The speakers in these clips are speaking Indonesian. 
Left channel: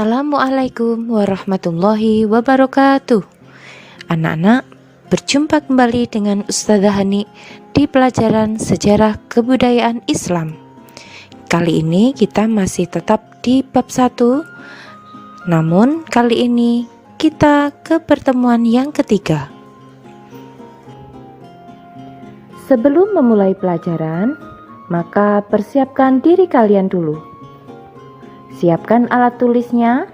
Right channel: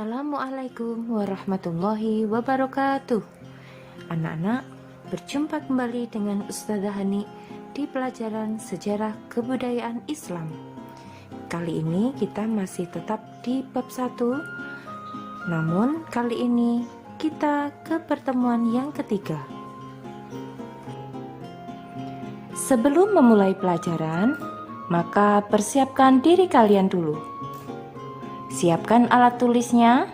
Assalamualaikum warahmatullahi wabarakatuh. Anak-anak, berjumpa kembali dengan Ustazah Hani di pelajaran Sejarah Kebudayaan Islam. Kali ini kita masih tetap di bab 1. Namun kali ini kita ke pertemuan yang ketiga. Sebelum memulai pelajaran, maka persiapkan diri kalian dulu. Siapkan alat tulisnya.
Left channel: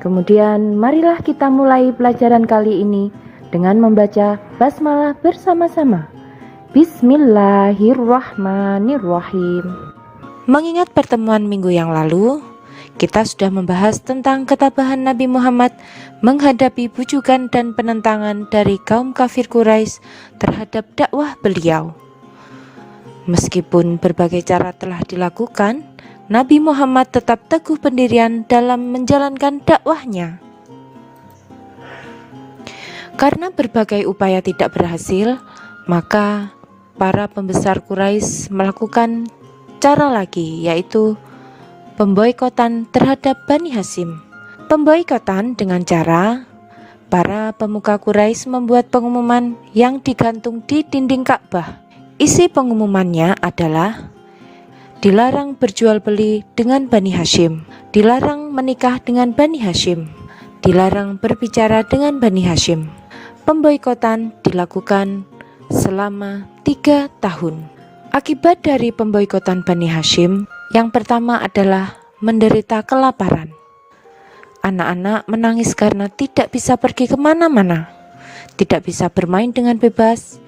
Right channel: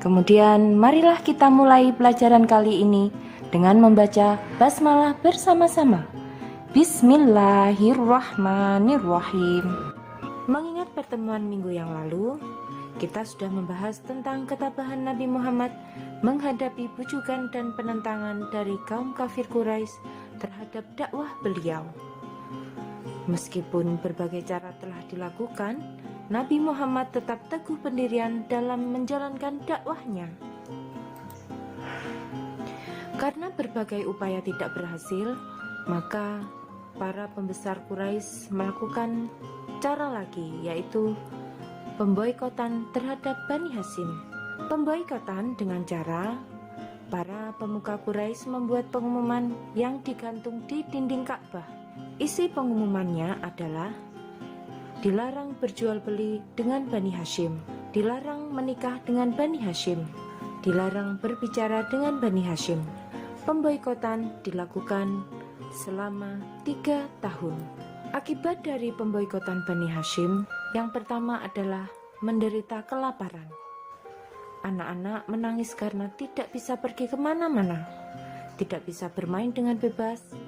Kemudian marilah kita mulai pelajaran kali ini dengan membaca basmalah bersama-sama. Bismillahirrahmanirrahim. Mengingat pertemuan minggu yang lalu, kita sudah membahas tentang ketabahan Nabi Muhammad menghadapi bujukan dan penentangan dari kaum kafir Quraisy terhadap dakwah beliau. Meskipun berbagai cara telah dilakukan, Nabi Muhammad tetap teguh pendirian dalam menjalankan dakwahnya. Karena berbagai upaya tidak berhasil, maka para pembesar Quraisy melakukan cara lagi, yaitu pemboikotan terhadap Bani Hashim. Pemboikotan dengan cara para pemuka Quraisy membuat pengumuman yang digantung di dinding Ka'bah. Isi pengumumannya adalah dilarang berjual beli dengan Bani Hashim, dilarang menikah dengan Bani Hashim, dilarang berbicara dengan Bani Hashim. Pemboikotan dilakukan selama 3 tahun. Akibat dari pemboikotan Bani Hashim, yang pertama adalah menderita kelaparan. Anak-anak menangis karena tidak bisa pergi kemana-mana, tidak bisa bermain dengan bebas,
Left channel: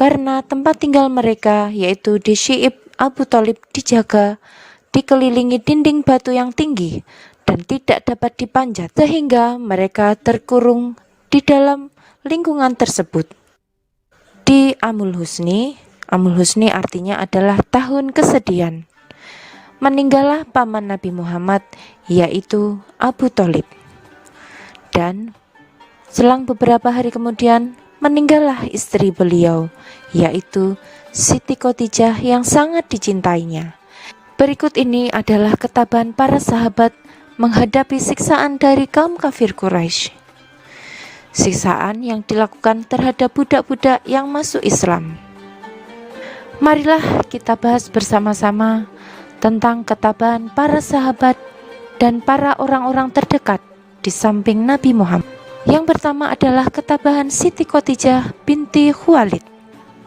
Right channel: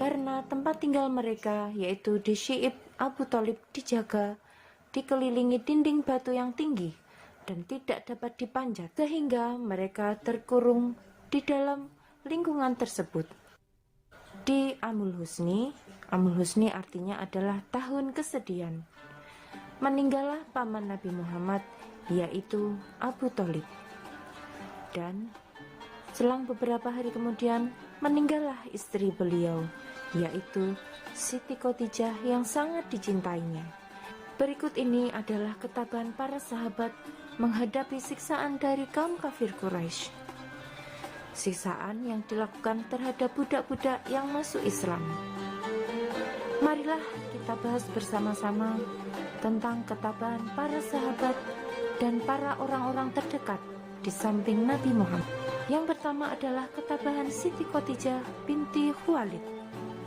karena tempat tinggal mereka yaitu di Syi'ib Abu Thalib dijaga, dikelilingi dinding batu yang tinggi dan tidak dapat dipanjat, sehingga mereka terkurung di dalam lingkungan tersebut. Di Amul Husni artinya adalah tahun kesedihan, meninggallah paman Nabi Muhammad yaitu Abu Thalib. Dan selang beberapa hari kemudian meninggallah istri beliau yaitu Siti Khadijah yang sangat dicintainya. Berikut ini adalah ketabahan para sahabat menghadapi siksaan dari kaum kafir Quraisy. Siksaan yang dilakukan terhadap budak-budak yang masuk Islam. Marilah kita bahas bersama-sama tentang ketabahan para sahabat dan para orang-orang terdekat di samping Nabi Muhammad. Yang pertama adalah ketabahan Siti Khadijah binti Khuwailid.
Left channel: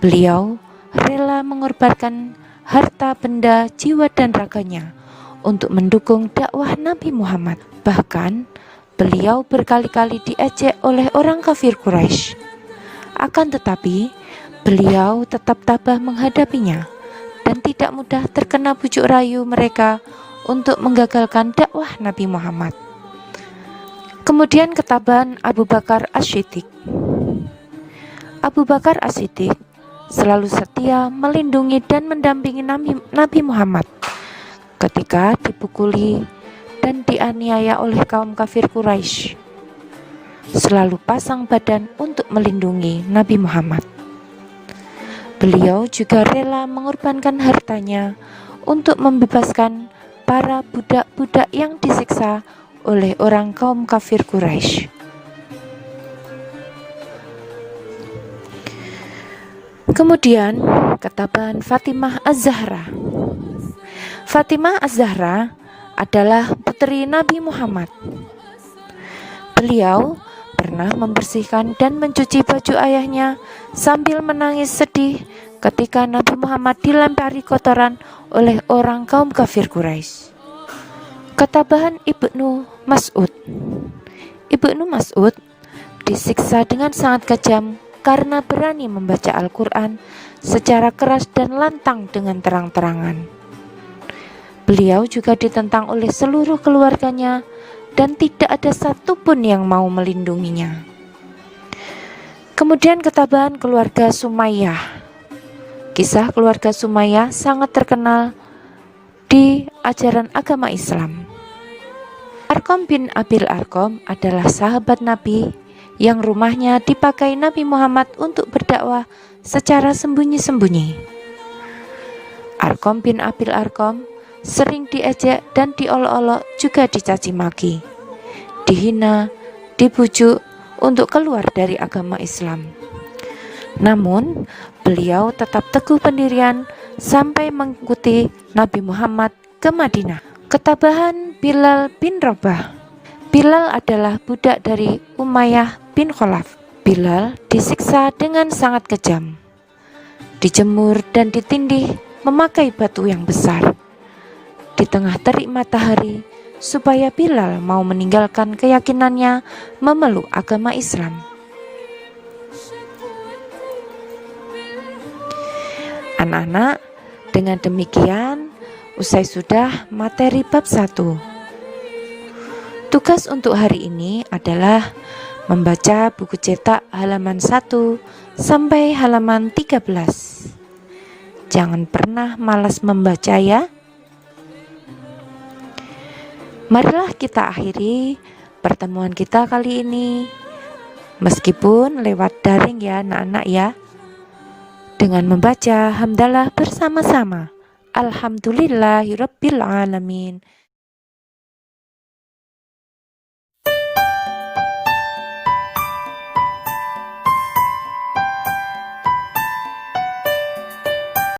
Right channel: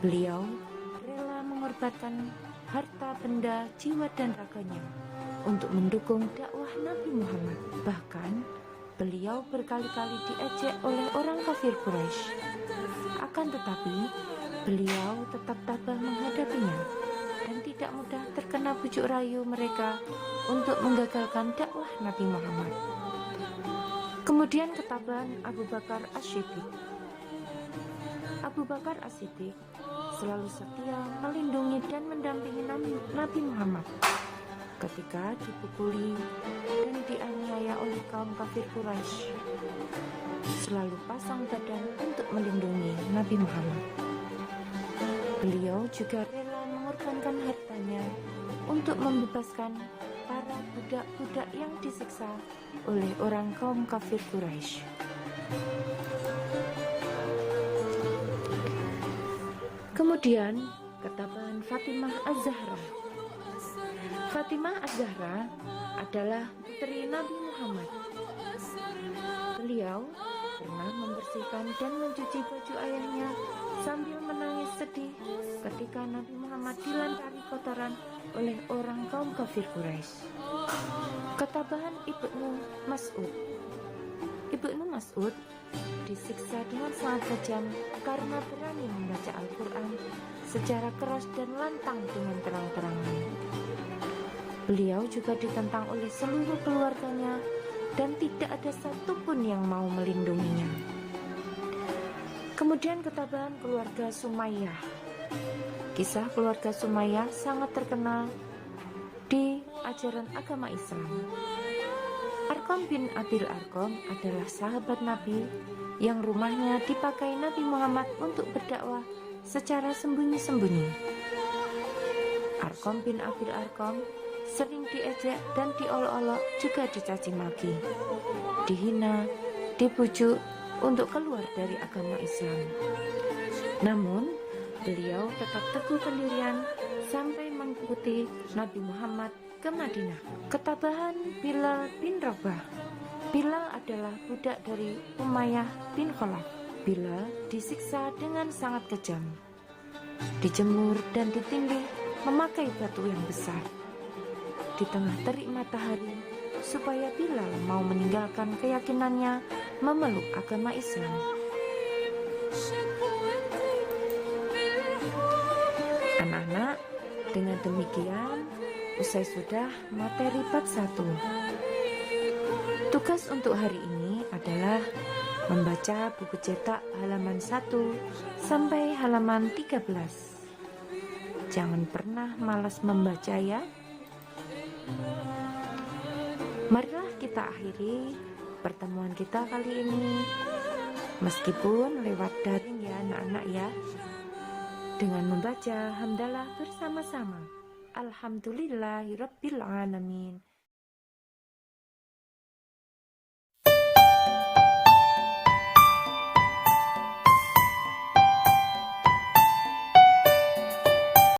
Beliau rela mengorbankan harta, benda, jiwa dan raganya untuk mendukung dakwah Nabi Muhammad. Bahkan beliau berkali-kali diejek oleh orang kafir Quraisy. Akan tetapi beliau tetap tabah menghadapinya dan tidak mudah terkena bujuk rayu mereka untuk menggagalkan dakwah Nabi Muhammad. Kemudian ketabahan Abu Bakar As-Siddiq. Abu Bakar As-Siddiq selalu setia melindungi dan mendampingi Nabi Muhammad ketika dipukuli dan dianiaya oleh kaum kafir Quraisy. Selalu pasang badan untuk melindungi Nabi Muhammad. Beliau juga rela mengorbankan hartanya untuk membebaskan para budak-budak yang disiksa oleh orang kaum kafir Quraisy. Kemudian ketabahan Fatimah Az-Zahra. Fatimah Az-Zahra adalah putri Nabi Muhammad. Beliau pernah membersihkan dan mencuci baju ayahnya sambil menangis sedih ketika Nabi Muhammad dilempari kotoran oleh orang kaum kafir Quraisy. Ketabahan Ibnu Mas'ud. Ibnu Mas'ud disiksa dengan sangat kejam karena berani membaca Al-Quran secara keras dan lantang dengan terang-terangan. Beliau juga ditentang oleh seluruh keluarganya dan tidak ada satupun yang mau melindunginya. Kemudian ketabahan keluarga Sumayyah. Kisah keluarga Sumayyah sangat terkenal di ajaran agama Islam. Arqam bin Abil Arqam adalah sahabat Nabi yang rumahnya dipakai Nabi Muhammad untuk berdakwah secara sembunyi-sembunyi. Arqam bin Abil Arqam sering diejek dan diolok-olok, juga dicaci maki, dihina, dibujuk untuk keluar dari agama Islam. Namun, beliau tetap teguh pendirian sampai mengikuti Nabi Muhammad ke Madinah. Ketabahan Bilal bin Rabah. Bilal adalah budak dari Umayyah bin Khalaf. Bilal disiksa dengan sangat kejam, dijemur dan ditindih memakai batu yang besar di tengah terik matahari supaya Bilal mau meninggalkan keyakinannya memeluk agama Islam. Anak-anak, dengan demikian usai sudah materi bab 1. Tugas untuk hari ini adalah membaca buku cetak halaman 1 sampai halaman 13. Jangan pernah malas membaca ya. Marilah kita akhiri pertemuan kita kali ini, meskipun lewat daring ya anak-anak ya, dengan membaca hamdalah bersama-sama. Alhamdulillahirabbil alamin.